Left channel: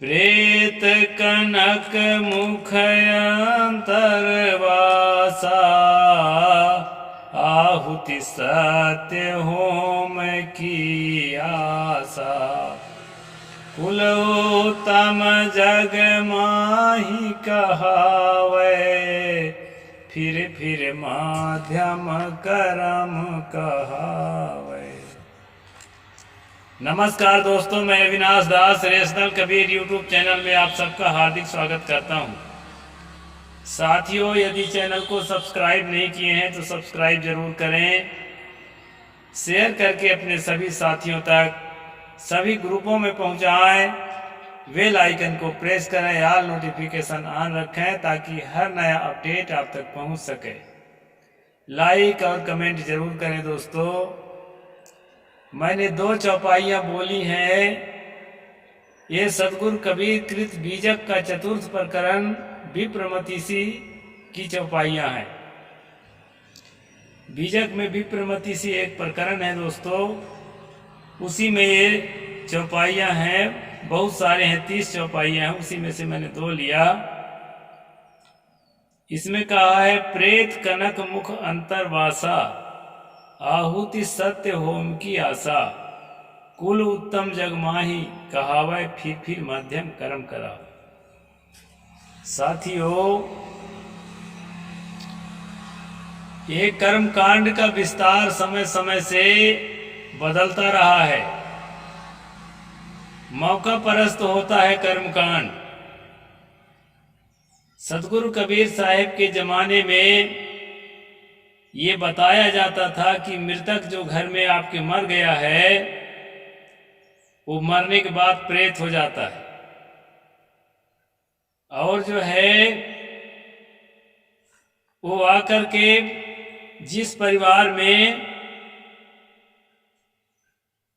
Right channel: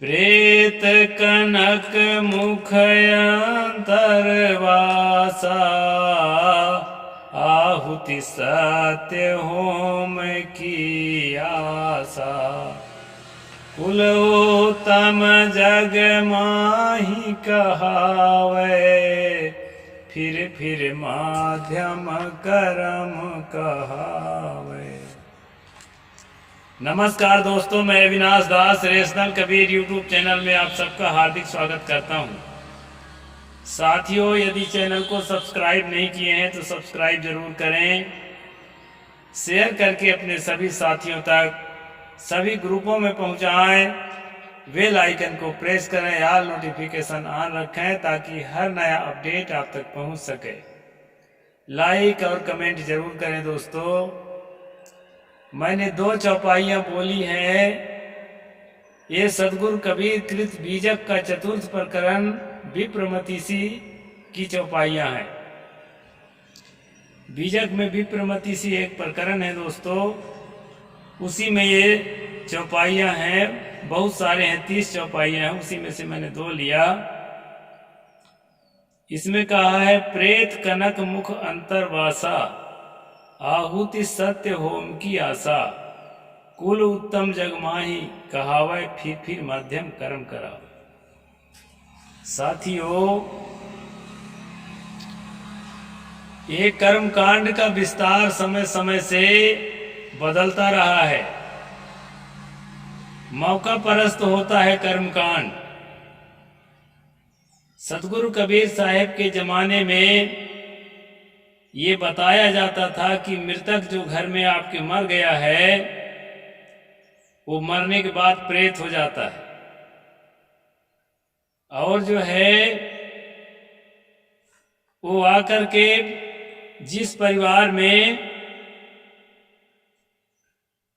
प्रेत कनक मुखयंतरवासा, आहुति सत्य होम की आशा। कुल उत्तम जग माही कहावे, फिर माध्यम करम कहावे। नमस्कार दोस्तों, मैं अविनाश दास रेशनल कबीर यूट्यूब चैनल में आप सबका हार्दिक स्वागत करता हूं। साथियों, यदि चैनल को सब्सक्राइब नहीं किए हैं तो सब्सक्राइब जरूर करें, शेयर करके अपने सभी साथियों तक सभी ग्रुपों में पहुंचाएं, बेल आइकन को प्रेस करें, ऑल नोटिफिकेशन ऑन रखें ताकि हर नया अपडेट आप तक पहुंच सके। लाइक और कमेंट जरूर करें दोस्तों। मैंने 2 चौपाइयाँ बोली हैं। ये सदगुरु कबीर कृत बीजक का चतुर्थ प्रकरण विप्रमतिसी की चौपाइयाँ हैं। बीजक में विप्रमतिसी एक प्रकरण है दोस्तों, उसी में ये चौपाइयाँ हैं। बहुत सारे हैं, 30 चौपाइयाँ हैं, उसी में से मैंने 2 लिया। इसमें कहा है, प्रेत कनक मुख अंतरवासा, आहुति सत्य होम की आशा। कुल उत्तम जग माही कहावै, फिर मध्यम कर्म करा। साथियों, ये कर्म कांड का विस्तार समय समय से बदलता रहा है। मौका परस्त होता है कर्म कांड। सतगुरु कबीर साहब के जमाने में ये बताया जाता था कि मृतक जो घर में आपके मर गया है, वो मरने के बाद प्रेत हो जाता है। और जो है वो आकर के जिस परिवार में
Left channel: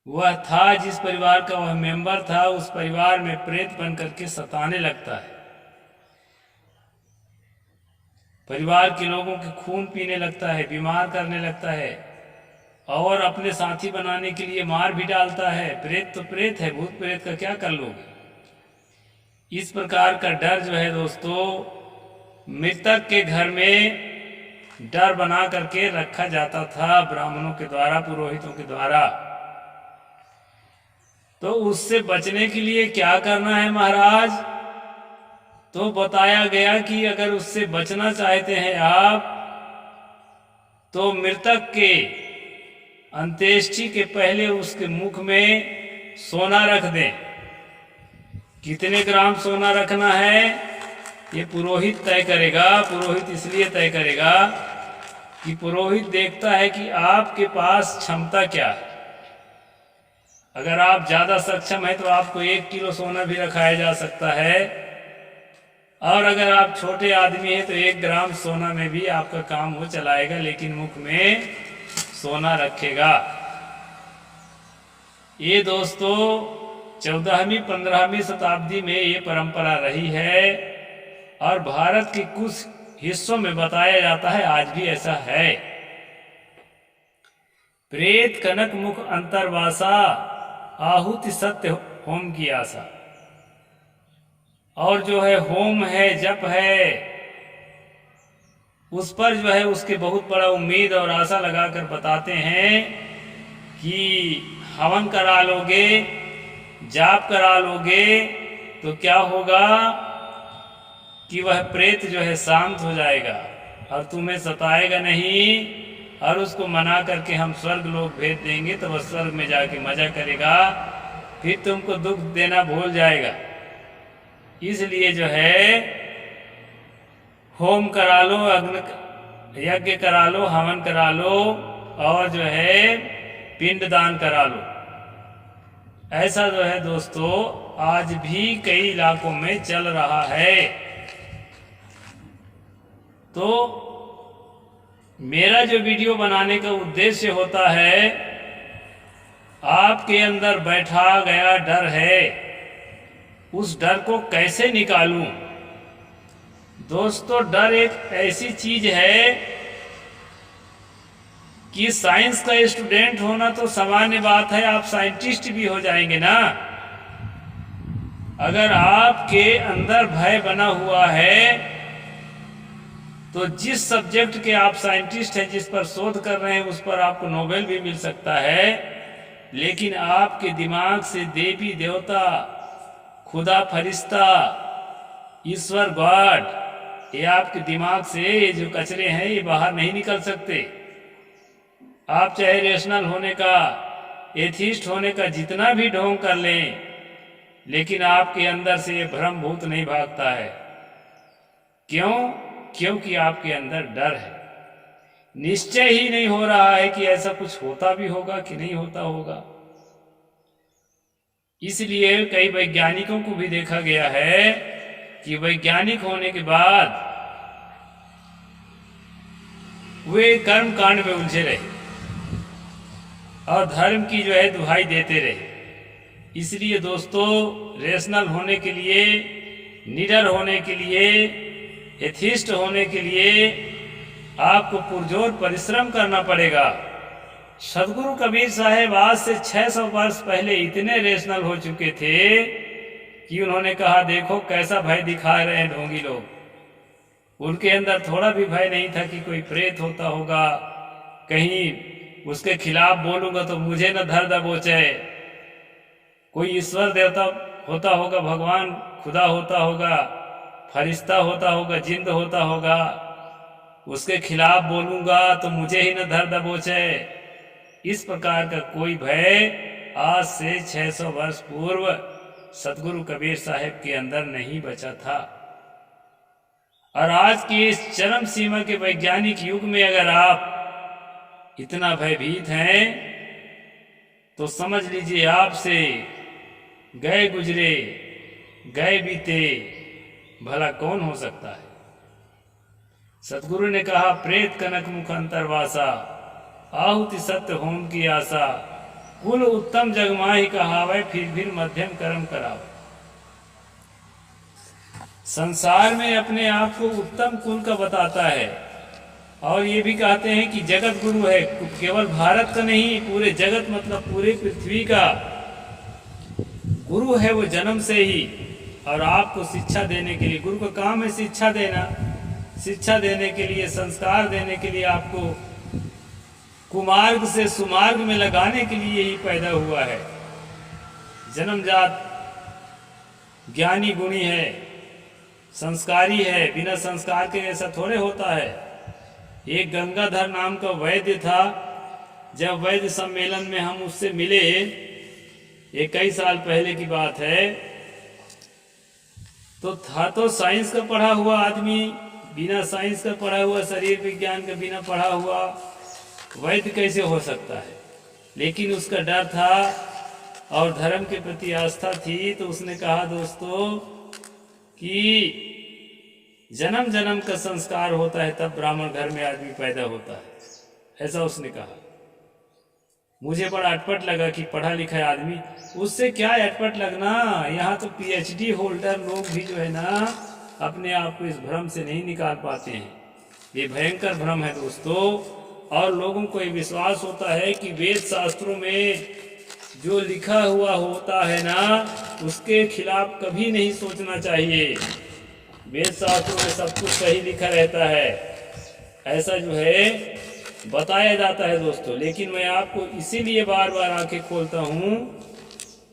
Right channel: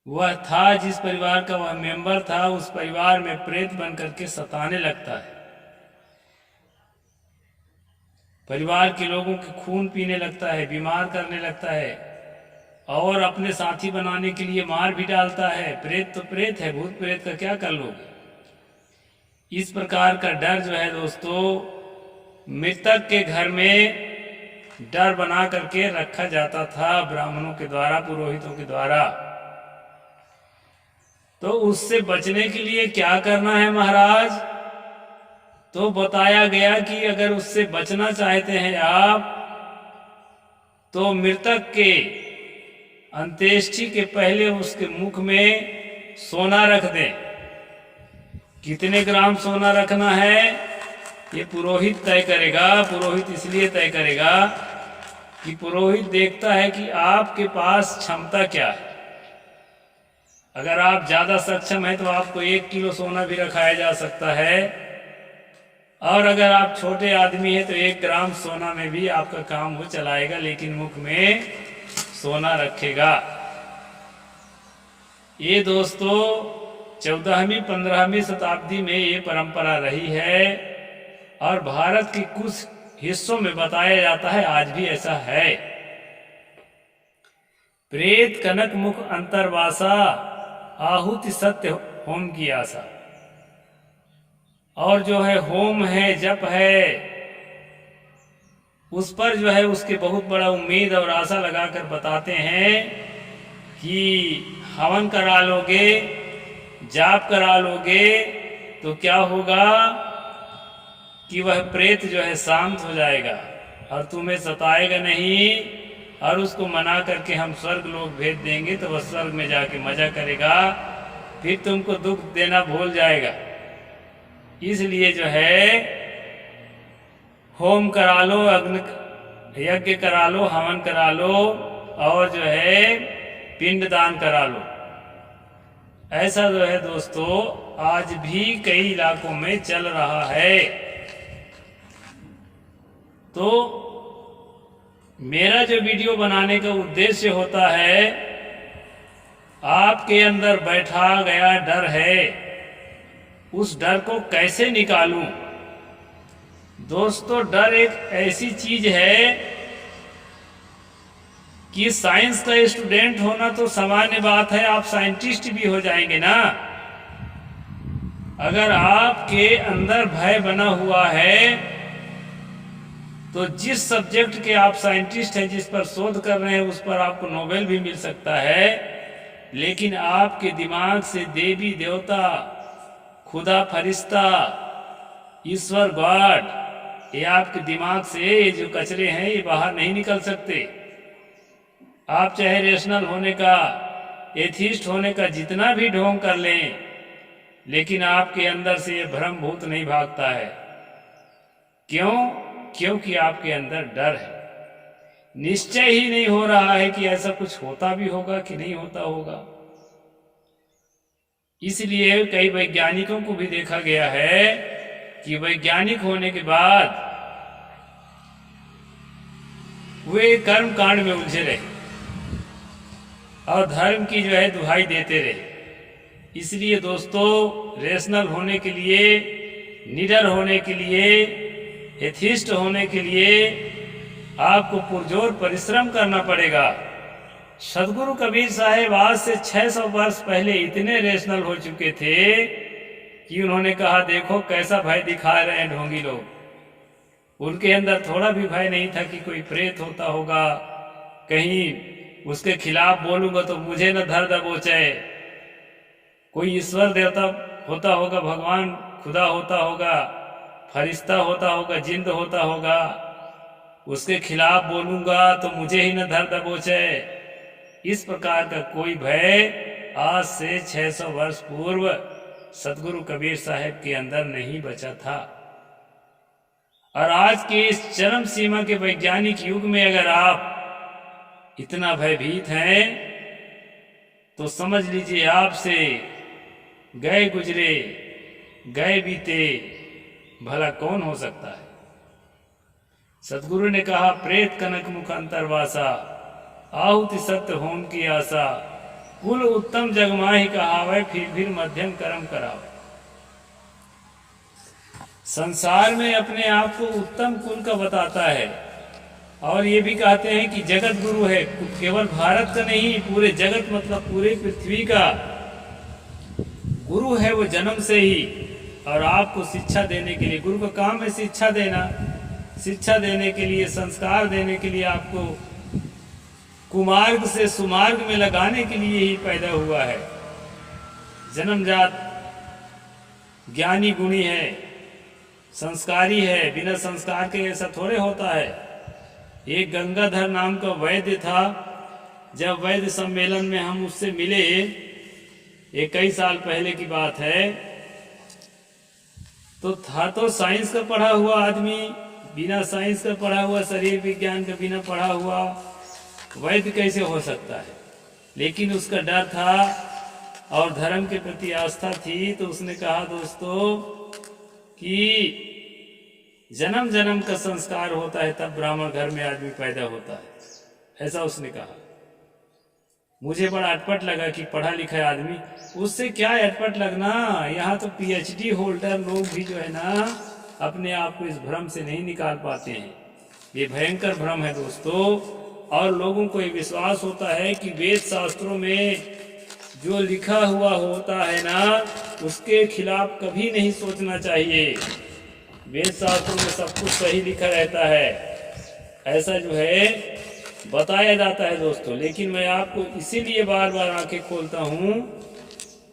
वह था, जिस परिवार का वह मेंबर था, उस परिवार में प्रेत बन करके सताने लगता है। परिवार के लोगों के खून पीने लगता है, बीमार करने लगता है और अपने साथी बनाने के लिए मार भी डालता है। प्रेत तो प्रेत है, भूत प्रेत का क्या कर लोगे। इस प्रकार का डर जो है दोस्तों, मृतक के घर में डर बना करके रखा जाता था ब्राह्मणों के द्वारा, पुरोहितों के द्वारा। तो उससे बचने के लिए क्या करना है महाराज? तो बताया गया कि अगर उससे बचना चाहते हैं आप, तो मृतक के अंत्येष्टि के पहले उसके मुख में सोना रख दें। कितने ग्राम सोना रखना है ये पुरोहित तय करेगा। पुरोहित इसलिए तय करेगा कि पुरोहित देखता है कि आपके पास क्षमता क्या है। अगर आप ज़्यादा सक्षम हैं तो आपको 1 किलो सोना भी रखाया जा सकता है, और अगर आप छोटे आदमी हैं तो 1 ग्राम सोना में भी आपका काम वो चलाएगा, लेकिन मुख में सोना रखेगा। ये दोस्तों 14वीं 15वीं शताब्दी में ये परंपरा रही है, और भारत के कुछ हिस्सों में बताया जाता है आज भी ऐसा है। प्रेत कनक मुख अंतरवासा, आहुति सत्य होम की आशा। और जो है होम है, जप है, उस पर जो है उसके बहुत बड़ा उम्मीद और आशा लगाकर बताते हैं कि हवन करा लोगे, जाप करा लोगे तो क्या होगा कि वह प्रेत जो है शांत हो जाएगा और तुम्हें सताएगा नहीं, और उसको मना करके हम स्वर्ग लोग भेज देंगे तो वह स्वर्ग में जाके मजा करेगा, फिर तुमको दुख देना भूल जाएगा। इसलिए जो है होम करा लो, अग्नि यज्ञ करा लो, हवन करा लो, और जो है पिंडदान करा लो। ऐसा जो है दोस्तों आज भी कई इलाकों में चल रहा है। तो मेरा जो वीडियो बनाने का उद्देश्य होता है, आपके अंदर बैठा गया डर है, उस डर को कैसे निकालूं। दोस्तों, डर एक ऐसी चीज है कि साइंस का स्टूडेंट होना तो सामान्य बात है, आप साइंटिस्ट भी हो जाएंगे ना। अगर आपके अंदर भय बना हुआ है तो जिस सब्जेक्ट के आप साइंटिस्ट हैं, जिस पर शोध कर रहे हैं, उस पर आपको नोबेल भी मिल सकता है, लेकिन आपके दिमाग से देवी देवता, खुदा फरिश्ता, ईश्वर गॉड, ये आपके दिमाग से ये जो कचरे हैं ये बाहर नहीं निकल सकते। आप चाहे रेशनल होने का, एथिस्ट होने का जितना भी ढोंग कर लें, लेकिन आपके अंदर से ये भ्रम भूत नहीं भागता है। क्यों? क्योंकि आपके अंदर डर है। निश्चय ही नहीं हो रहा है कि ऐसा कुछ होता भी होगा कि नहीं होता होगा। इसलिए कई वैज्ञानिकों को भी देखा गया है कि वैज्ञानिक होने के बाद वे कर्म कांड में उलझे रहे और धर्म की जो है दुहाई देते रहे। इसलिए दोस्तों, रेशनल होने के लिए, निडर होने के लिए, एथिस्ट होने के लिए आपको पुरजोर परिश्रम करना पड़ेगा। सदगुरु कबीर साहब आज से 600 वर्ष पहले इतने रेशनल हो चुके थे कि उन्होंने कहा, देखो कैसा भय दिखा रहे हैं ढोंगी लोग। उनके अंदर थोड़ा भी भय नहीं था कि कोई प्रेत होता होगा, कहीं उसके खिलाफ बोलूंगा तो मुझे न धर दबोचे, कोई ईश्वर देवता होता होगा, भगवान खुदा होता होगा, फरिश्ता होता होगा, जिंद होता होगा, उसके खिलाफ बोलूंगा तो मुझे ही न धर दबोचे। इस प्रकार का कोई भय आज से 600 वर्ष पूर्व सदगुरु कबीर साहब के अंदर नहीं बचा था। और आज के इस चरम सीमा के वैज्ञानिक युग में अगर आप इतना भयभीत हैं तो समझ लीजिए आपसे गए गुजरे, गए बीते भला कौन हो सकता है। सतगुरु ने कहा, प्रेत कनक मुख अंतरवासा, आहुति सत्य होम की आशा, कुल उत्तम जगमाही कहावे, फिर मध्यम कर्म करावे। संसार में अपने आप को उत्तम कुल का बताता है और ये भी कहते हैं कि जगत गुरु है, केवल भारत का नहीं, पूरे जगत मतलब पूरे पृथ्वी का गुरु है वो जन्म से ही। और आपको शिक्षा देने के लिए, गुरु का काम है शिक्षा देना, शिक्षा देने के लिए, संस्कार देने के लिए, आपको कुमार्ग से सुमार्ग में लगाने के लिए ही पैदा हुआ है। जन्मजात ज्ञानी गुणी है, संस्कारी है, बिना संस्कार के ऐसा थोड़े होता है। एक गंगाधर नाम का वैद्य था, जब वैद्य सम्मेलन में हम उससे मिले, ये कई साल पहले की बात है, तो था तो साइंस का पढ़ा हुआ आदमी, बिना साइंस का पढ़ा हुआ, शरीर विज्ञान का बिना पढ़ा हुआ वैद्य कैसे हो सकता है। लेकिन उसका डर था और धर्म के प्रति आस्था थी, तो उसने कहा दोस्तों कि जन्म जन्म का संस्कार होता है तब ब्राह्मण घर में आदमी पैदा होता है, ऐसा उसने कहा। मुझे बड़ा अटपट लगा कि पढ़ा लिखा आदमी, उससे क्या अटपट लगना, यहाँ तो पीएचडी होल्डर लोग भी जो है ना अपने आप को इस भ्रम से नहीं निकाल पाते हैं। ये भयंकर भ्रम है दोस्तों। और लोगों को ये विश्वास होता है कि वेद शास्त्रों में जो लिखा हुआ होता है ना उसके खिलाफ कभी नहीं सोचना चाहिए। वेद शास्त्रों में सब कुछ सही लिखा रहता है, ऐसा जो है बताया जाता है दोस्तों। लेकिन मैं आपको इसीलिए बार बार आंखें खोलता हूँ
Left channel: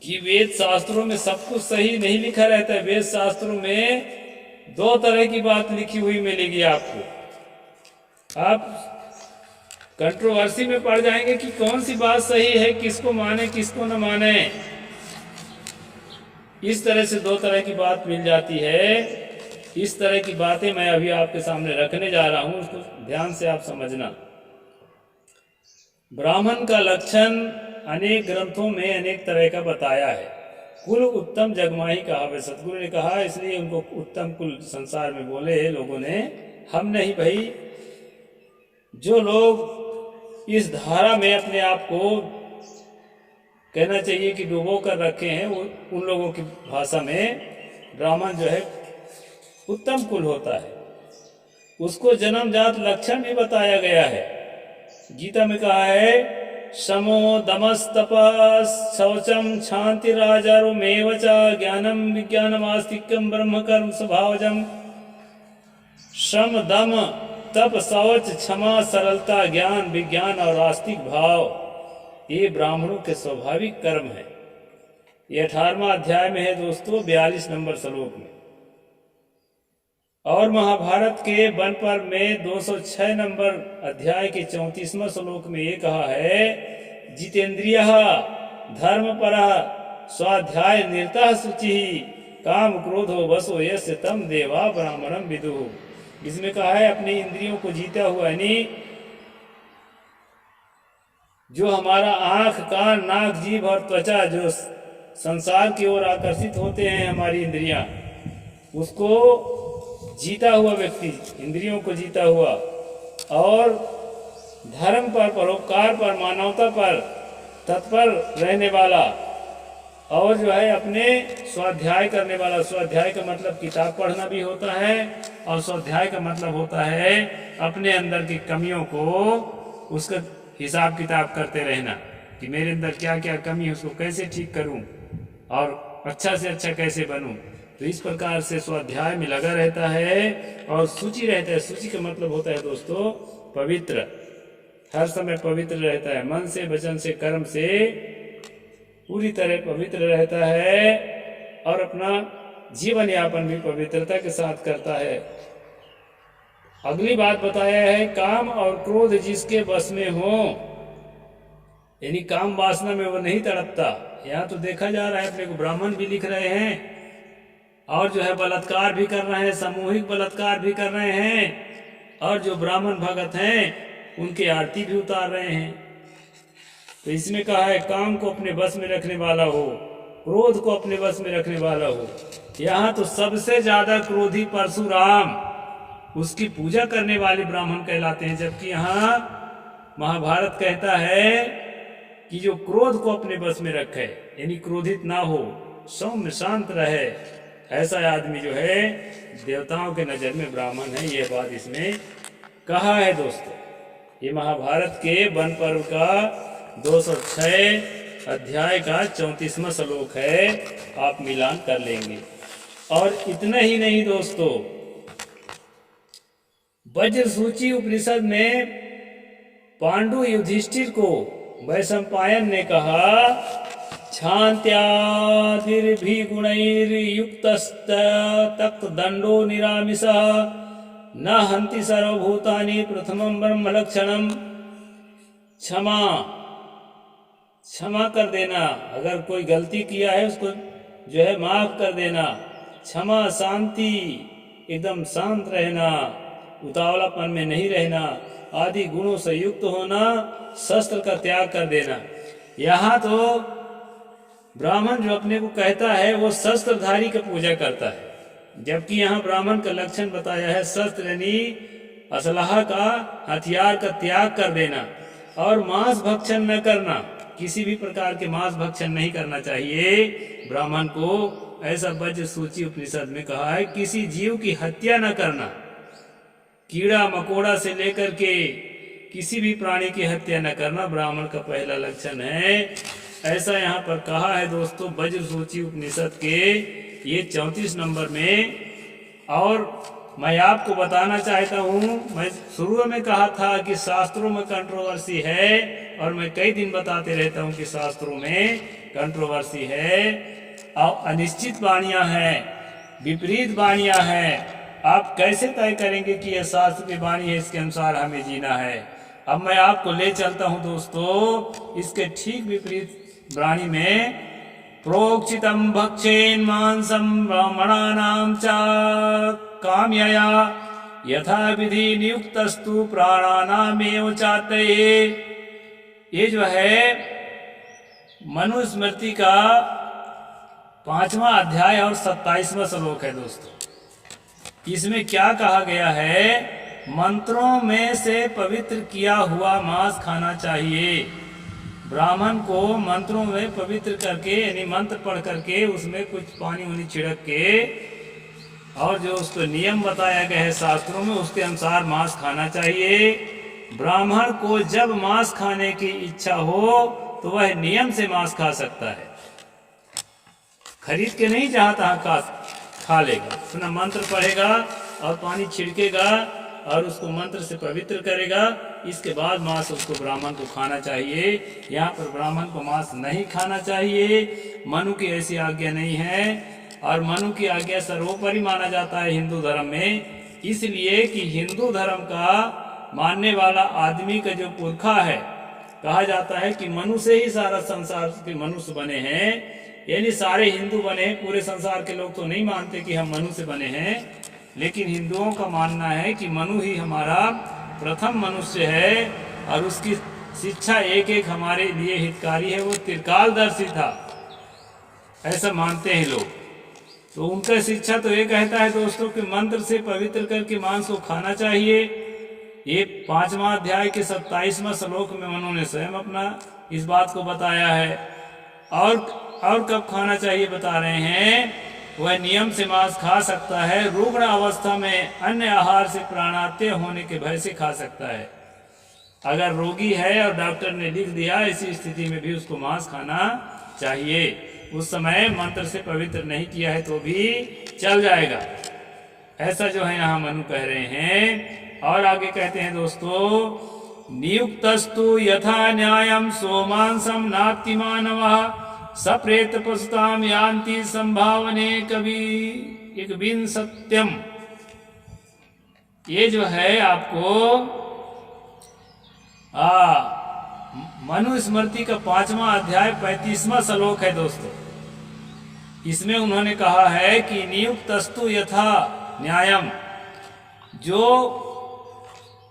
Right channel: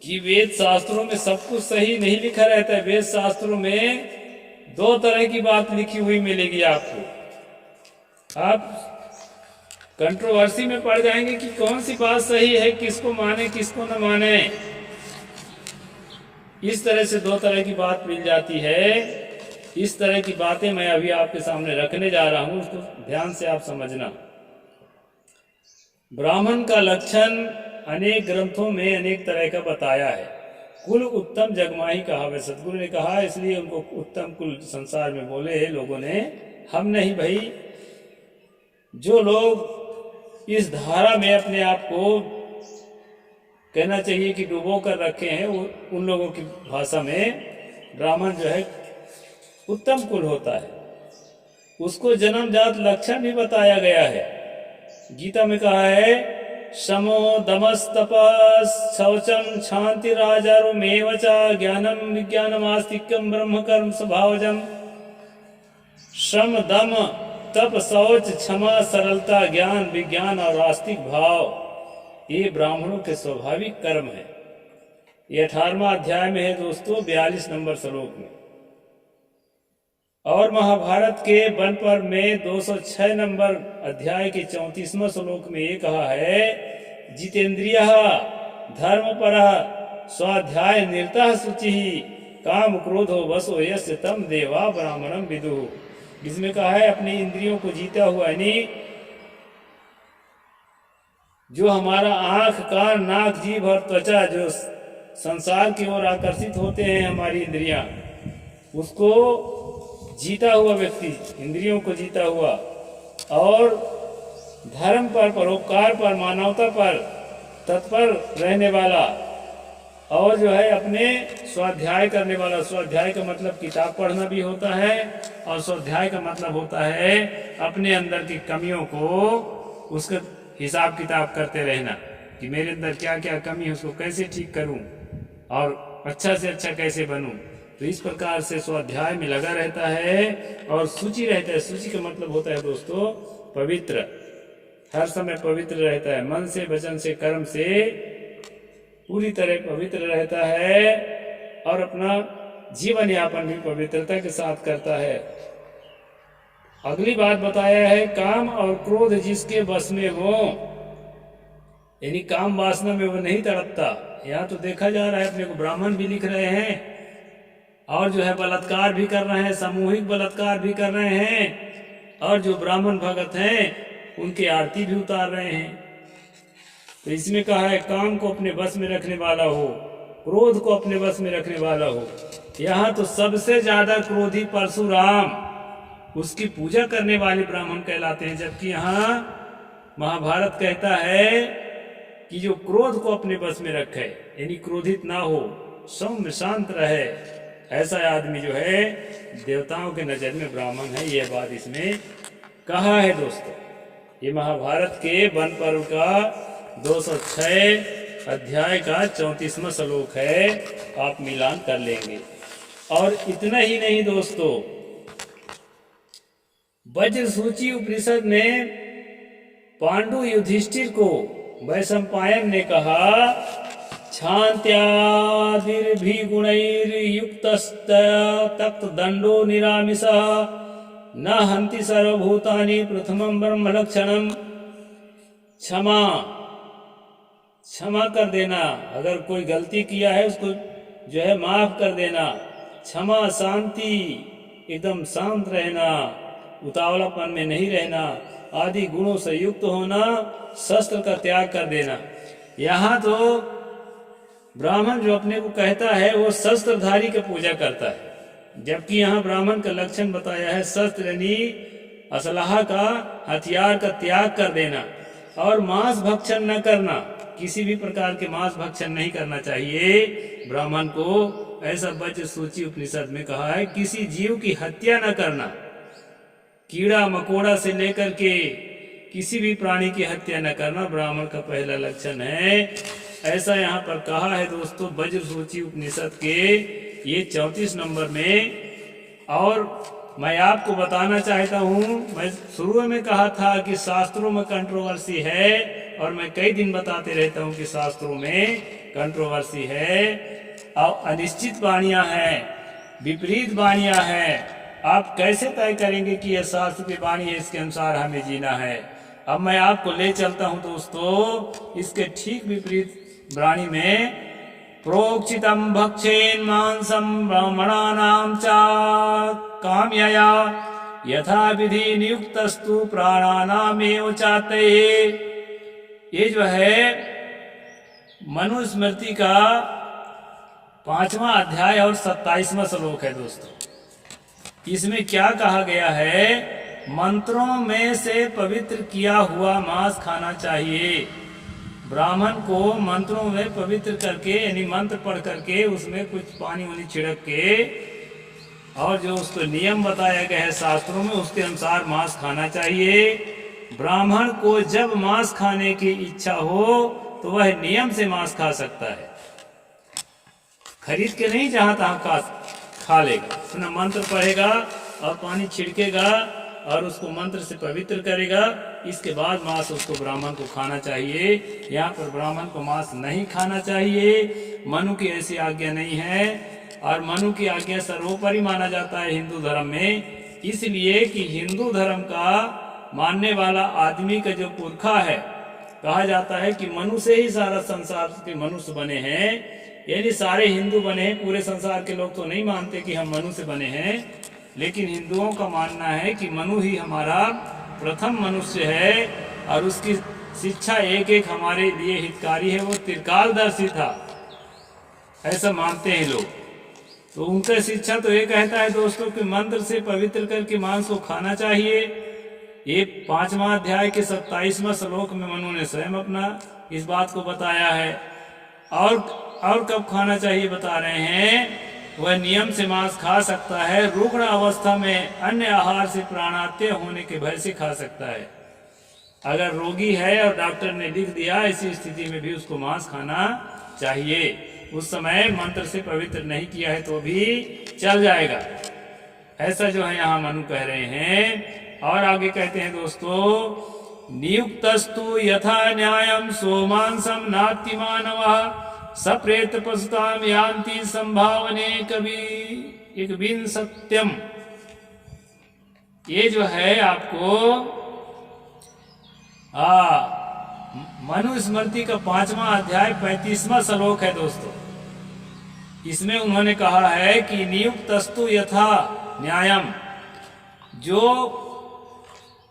कि वेद शास्त्रों में सब कुछ सही नहीं लिखा रहता है। वेद शास्त्रों में दो तरह की बात लिखी हुई मिलेगी आपको। आप कंट्रोवर्सी में पड़ जाएंगे कि कौन सी बात सही है, किसको माने किसको न माने। इस तरह से दो तरह की बात मिल जाती है। इस तरह की बातें मैं अभी आपके सामने रखने जा रहा हूं, उसको ध्यान से आप समझना। ब्राह्मण का लक्षण अनेक ग्रंथों में अनेक तरह का बताया है। कुल उत्तम जगमाही कहावे, सतगुरु ने कहा, इसलिए उनको उत्तम कुल संसार में बोले लोगों ने, हम नहीं भाई। जो लोग इस धारा में अपने आप को कहना चाहिए कि डुबो कर रखे हैं, उन लोगों की भाषा में ब्राह्मण जो है उत्तम कुल होता है। उसको जन्मजात लक्षण भी बताया गया है। गीता में कहा है, शमो दमस्तपः शौचम क्षान्तिराजारोमेव च ज्ञानम विज्ञानमास्तिक्यम ब्रह्म कर्म स्वभावजम। श्रम दम तप शौच क्षमा सरलता ज्ञान विज्ञान और आस्तिक भाव ये ब्राह्मणों के स्वाभाविक कर्म है। ये 18वां अध्याय में है दोस्तों, 42 नंबर श्लोक में। और महाभारत के वन पर्व में 206 नंबर अध्याय के 34वां श्लोक में ये कहा है, जितेंद्रिय धर्मपरः स्वाध्याय निरतः शुचिः काम क्रोधो वशो यस्य तम देवा ब्राह्मणम विदुः। इसमें कहा है अपने इंद्रियों को जीता हुआ, यानी जो हमारा आंख कान नाक जीभ और त्वचा जो संसार की ओर आकर्षित होते हैं हमारी इंद्रियां, उसको जीता हुआ व्यक्ति, इंद्रियों को जीता हुआ और धर्म पर परोपकार पर मानवता पर तत्पर रहने वाला और जो है अपने स्वाध्याय करने वाला। स्वाध्याय का मतलब किताब पढ़ना भी होता है और स्वाध्याय का मतलब होता है अपने अंदर की कमियों को उसका हिसाब किताब करते रहना कि मेरे अंदर क्या क्या कमी है, उसको कैसे ठीक करूं और अच्छा से अच्छा कैसे बनूं। तो इस प्रकार से स्वाध्याय में लगा रहता है और सूची रहता है। सूची का मतलब होता है दोस्तों पवित्र, हर समय पवित्र रहता है, मन से वचन से कर्म से पूरी तरह पवित्र रहता है और अपना जीवन यापन भी पवित्रता के साथ करता है। अगली बात बताया है, काम और क्रोध जिसके बस में हो, यानी काम वासना में वो नहीं तड़पता। यहाँ तो देखा जा रहा है, अपने को ब्राह्मण भी लिख रहे हैं और जो है बलात्कार भी कर रहे हैं, सामूहिक बलात्कार भी कर रहे हैं और जो ब्राह्मण भगत हैं उनकी आरती भी उतार रहे हैं। तो इसमें कहा है काम को अपने बस में रखने वाला हो, क्रोध को अपने बस में रखने वाला हो। यहाँ तो सबसे ज्यादा क्रोधी परशुराम, उसकी पूजा करने वाले ब्राह्मण कहलाते हैं, जबकि यहाँ महाभारत कहता है कि जो क्रोध को अपने बस में रखे, यानी क्रोधित ना हो, सौम्य शांत रहे, ऐसा आदमी जो है देवताओं के नजर में ब्राह्मण है। यह बात इसमें कहा है दोस्तों। ये महाभारत के वन पर्व का 206 अध्याय का 34वां श्लोक है, आप मिलान कर लेंगे। और इतना ही नहीं दोस्तों, वज्र सूची उपनिषद में पांडु युधिष्ठिर को वैशंपायन ने कहा, क्षान्त्यादिर्भिगुणैर्युक्तस्त तक्त दंडो निरामिषः न हन्ति सर्वभूतानि प्रथमं ब्रह्म लक्षणम। क्षमा कर देना, अगर कोई गलती किया है उसको जो है माफ कर देना। क्षमा, शांति, एकदम शांत रहना, उतावलापन में नहीं रहना, आदि गुणों से युक्त होना, शस्त्र का त्याग कर देना। यहाँ तो ब्राह्मण जो अपने को कहता है वो शस्त्रधारी का पूजा करता है, जबकि यहाँ ब्राह्मण का लक्षण बताया है शस्त्र यानी असलहा का, हथियार का त्याग कर देना और मांस भक्षण न करना। किसी भी प्रकार के मांस भक्षण नहीं करना चाहिए ब्राह्मण को, ऐसा वज्र सूची उपनिषद में कहा है। किसी जीव की हत्या न करना, कीड़ा मकोड़ा से लेकर के किसी भी प्राणी की हत्या न करना ब्राह्मण का पहला लक्षण है, ऐसा यहाँ पर कहा है दोस्तों वज्र सूची उपनिषद के ये 34 नंबर में। और मैं आपको बताना चाहता हूँ, मैं शुरू में कहा था कि शास्त्रों में कंट्रोवर्सी है और मैं कई दिन बताते रहता हूँ कि शास्त्रों में कंट्रोवर्सी है और अनिश्चित वाणियाँ हैं, विपरीत वाणियाँ हैं। आप कैसे तय करेंगे कि यह शास्त्र की वाणी है, इसके अनुसार हमें जीना है। अब मैं आपको ले चलता हूँ दोस्तों इसके ठीक विपरीत वाणी में। प्रोक्षितम भक्षेन मांसम ब्राह्मणानां च काम्यया यथा विधि नियुक्तस्तु प्राणानामेव चातये। ये जो है मनुस्मृति का 5वां अध्याय और 27वां श्लोक है दोस्तों। इसमें क्या कहा गया है, मंत्रों में से पवित्र किया हुआ मांस खाना चाहिए। ब्राह्मण को मंत्रों में पवित्र करके, यानी मंत्र पढ़ करके उसमें कुछ पानी वानी छिड़क के और जो उसको नियम बताया गया है शास्त्रों में उसके अनुसार मांस खाना चाहिए। ब्राह्मण को जब मांस खाने की इच्छा हो तो वह नियम से मांस खा सकता है, खरीद के नहीं जहाँ तहाँ खा लेगा। अपना मंत्र पढ़ेगा और पानी छिड़केगा और उसको मंत्र से पवित्र करेगा, इसके बाद मांस उसको ब्राह्मण को खाना चाहिए। यहाँ पर ब्राह्मण को मांस नहीं खाना चाहिए, मनु की ऐसी आज्ञा नहीं है। और मनु की आज्ञा सर्वोपरि माना जाता है हिंदू धर्म में, इसलिए कि हिंदू धर्म का मानने वाला आदमी का जो पुरखा है, कहा जाता है कि मनु से ही सारा संसार के मनुष्य बने हैं, यानी सारे हिंदू बने हैं। पूरे संसार के लोग तो नहीं मानते कि हम मनु से बने हैं, लेकिन हिंदुओं का मानना है कि मनु ही हमारा प्रथम मनुष्य है और उसकी शिक्षा एक एक हमारे लिए हितकारी है। वो त्रिकालदर्शी था, ऐसा मानते हैं लोग। तो उनका शिक्षा तो ये कहता है दोस्तों कि मंत्र से पवित्र करके मांस को खाना चाहिए। ये 5वां अध्याय के 27वां श्लोक में मनु ने स्वयं अपना इस बात को बताया है। और कब खाना चाहिए बता रहे हैं, वह नियम से मांस खा सकता है, रुग्ण अवस्था में अन्य आहार से प्राणात्य होने के भय से खा सकता है। अगर रोगी है और डॉक्टर ने लिख दिया, ऐसी स्थिति में भी उसको मांस खाना चाहिए। उस समय मंत्र से पवित्र नहीं किया है तो भी चल जाएगा, ऐसा जो है यहाँ मनु कह रहे हैं। और आगे कहते हैं दोस्तों, नियुक्तस्तु यथा न्यायम सोमांसम नाति मानवः सप्रेत पशुताम यान्ति संभावने कवि एक बिन सत्यम। ये जो है आपको मनु स्मृति का 5वां अध्याय 35वां श्लोक है दोस्तों। इसमें उन्होंने कहा है कि नियुक्तस्तु यथा न्यायम, जो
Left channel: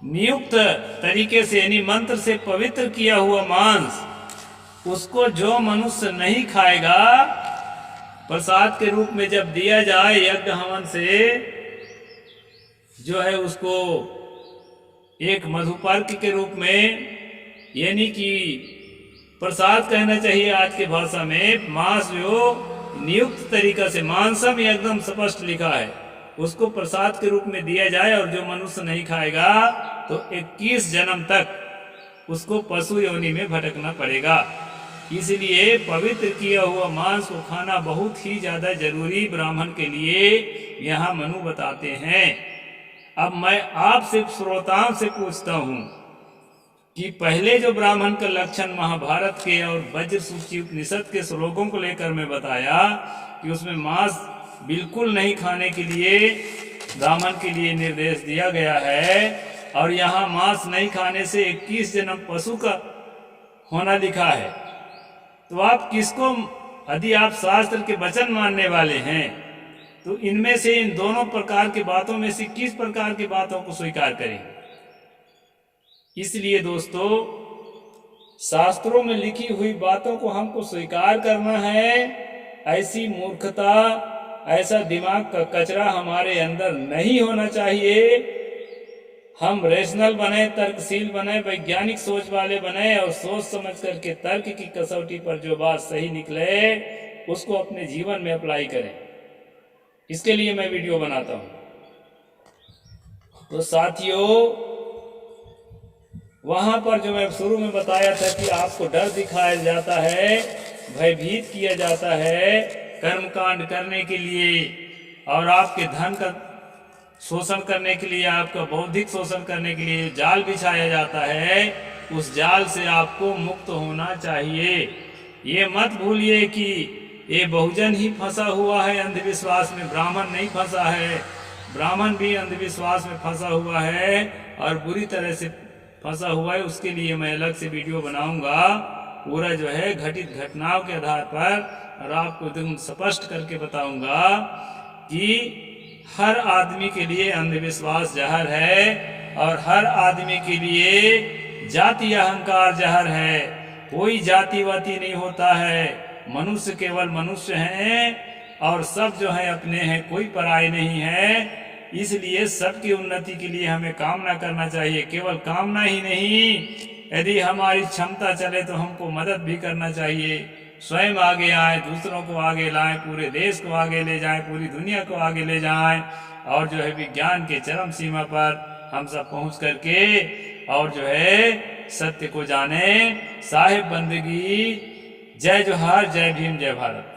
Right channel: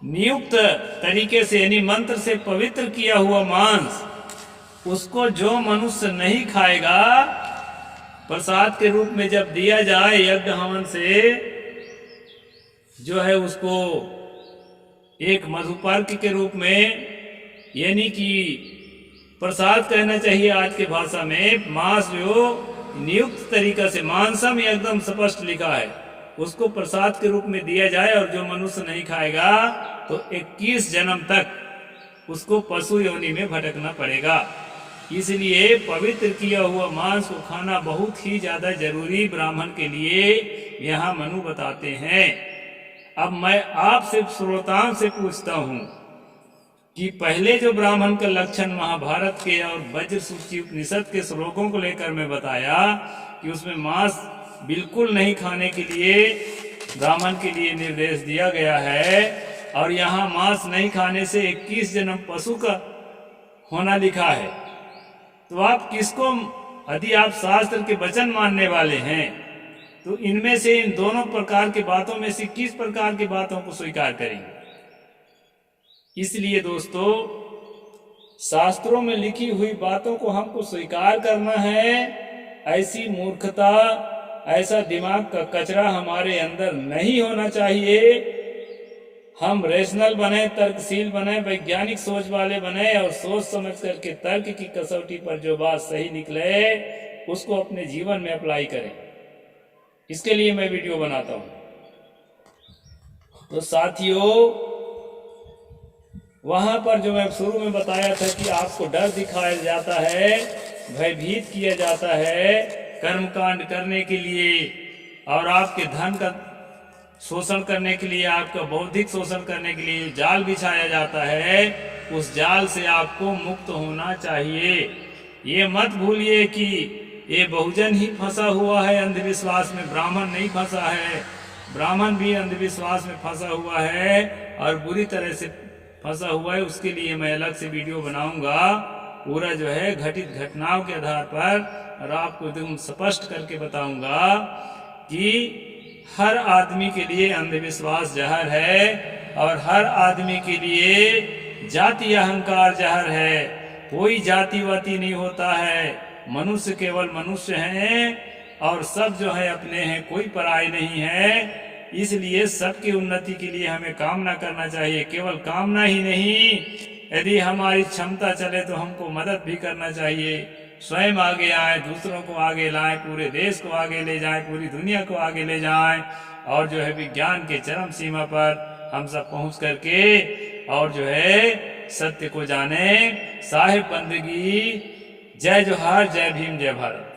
नियुक्त तरीके से यानी मंत्र से पवित्र किया हुआ मांस, उसको जो मनुष्य नहीं खाएगा, प्रसाद के रूप में जब दिया जाए यज्ञ हवन से, जो है उसको एक मधुपर्क के रूप में, यानी कि प्रसाद कहना चाहिए आज के भाषा में, मांस जो नियुक्त तरीका से, मांसम एकदम स्पष्ट लिखा है, उसको प्रसाद के रूप में दिया जाए और जो मनुष्य नहीं खाएगा तो 21 जन्म तक उसको पशु योनि में भटकना पड़ेगा। इसलिए पवित्र किया हुआ मांस को खाना बहुत ही ज्यादा जरूरी ब्राह्मण के लिए यहाँ मनु बताते हैं। अब मैं आपसे श्रोताओं से पूछता हूँ कि पहले जो ब्राह्मण का लक्षण महाभारत के और वज्र सूची उपनिषद के श्लोकों को लेकर मैं बताया कि उसमें मांस बिल्कुल नहीं खाने के लिए ब्राह्मण के लिए निर्देश दिया गया है, और यहाँ मांस नहीं खाने से 21 जन्म पशु का होना लिखा है। तो आप किसको, यदि आप शास्त्र के वचन मानने वाले हैं तो इनमें से, इन दोनों प्रकार की बातों में से किस प्रकार की बातों को स्वीकार करेंगे? इसलिए दोस्तों, शास्त्रों में लिखी हुई बातों को हमको स्वीकार करना है। ऐसी मूर्खता, ऐसा दिमाग का कचरा हमारे अंदर नहीं होना चाहिए। हम रेशनल बने, तर्कशील बने, वैज्ञानिक सोच वाले बने और सोच समझ करके तर्क की कसौटी पर जो बात सही निकले उसको अपने जीवन में अप्लाई करें। इसके लिए मैं वीडियो बनाता हूँ। तो साथियों, वहां पर जो मैं शुरू में बताया था कि आपको डर दिखाया जाता है, भयभीत किया जाता है कर्मकांड करने के लिए, और आपके धन का शोषण करने के लिए, आपका बौद्धिक शोषण करने के लिए जाल बिछाया जाता है, उस जाल से आपको मुक्त होना चाहिए। ये मत भूलिए कि ये बहुजन ही फंसा हुआ है अंधविश्वास में, ब्राह्मण नहीं फंसा है। ब्राह्मण भी अंधविश्वास में फंसा हुआ है और बुरी तरह से फंसा हुआ है। उसके लिए मैं अलग से वीडियो बनाऊंगा, पूरा जो है घटित घटनाओं के आधार पर, और आपको एकदम स्पष्ट करके बताऊंगा कि हर आदमी के लिए अंधविश्वास जहर है और हर आदमी के लिए जाति अहंकार जहर है। कोई जातिवाती नहीं होता है, मनुष्य केवल मनुष्य हैं और सब जो है अपने हैं, कोई पराये नहीं है। इसलिए सबकी उन्नति के लिए हमें कामना करना चाहिए। केवल कामना ही नहीं, यदि हमारी क्षमता चले तो हमको मदद भी करना चाहिए। स्वयं आगे आए, दूसरों को आगे लाएं, पूरे देश को आगे ले जाएं, पूरी दुनिया को आगे ले जाएं, और जो है विज्ञान के चरम सीमा पर हम सब पहुंच करके और जो है सत्य को जाने। साहिब बंदगी। जय जोहार, जय भीम, जय भारत।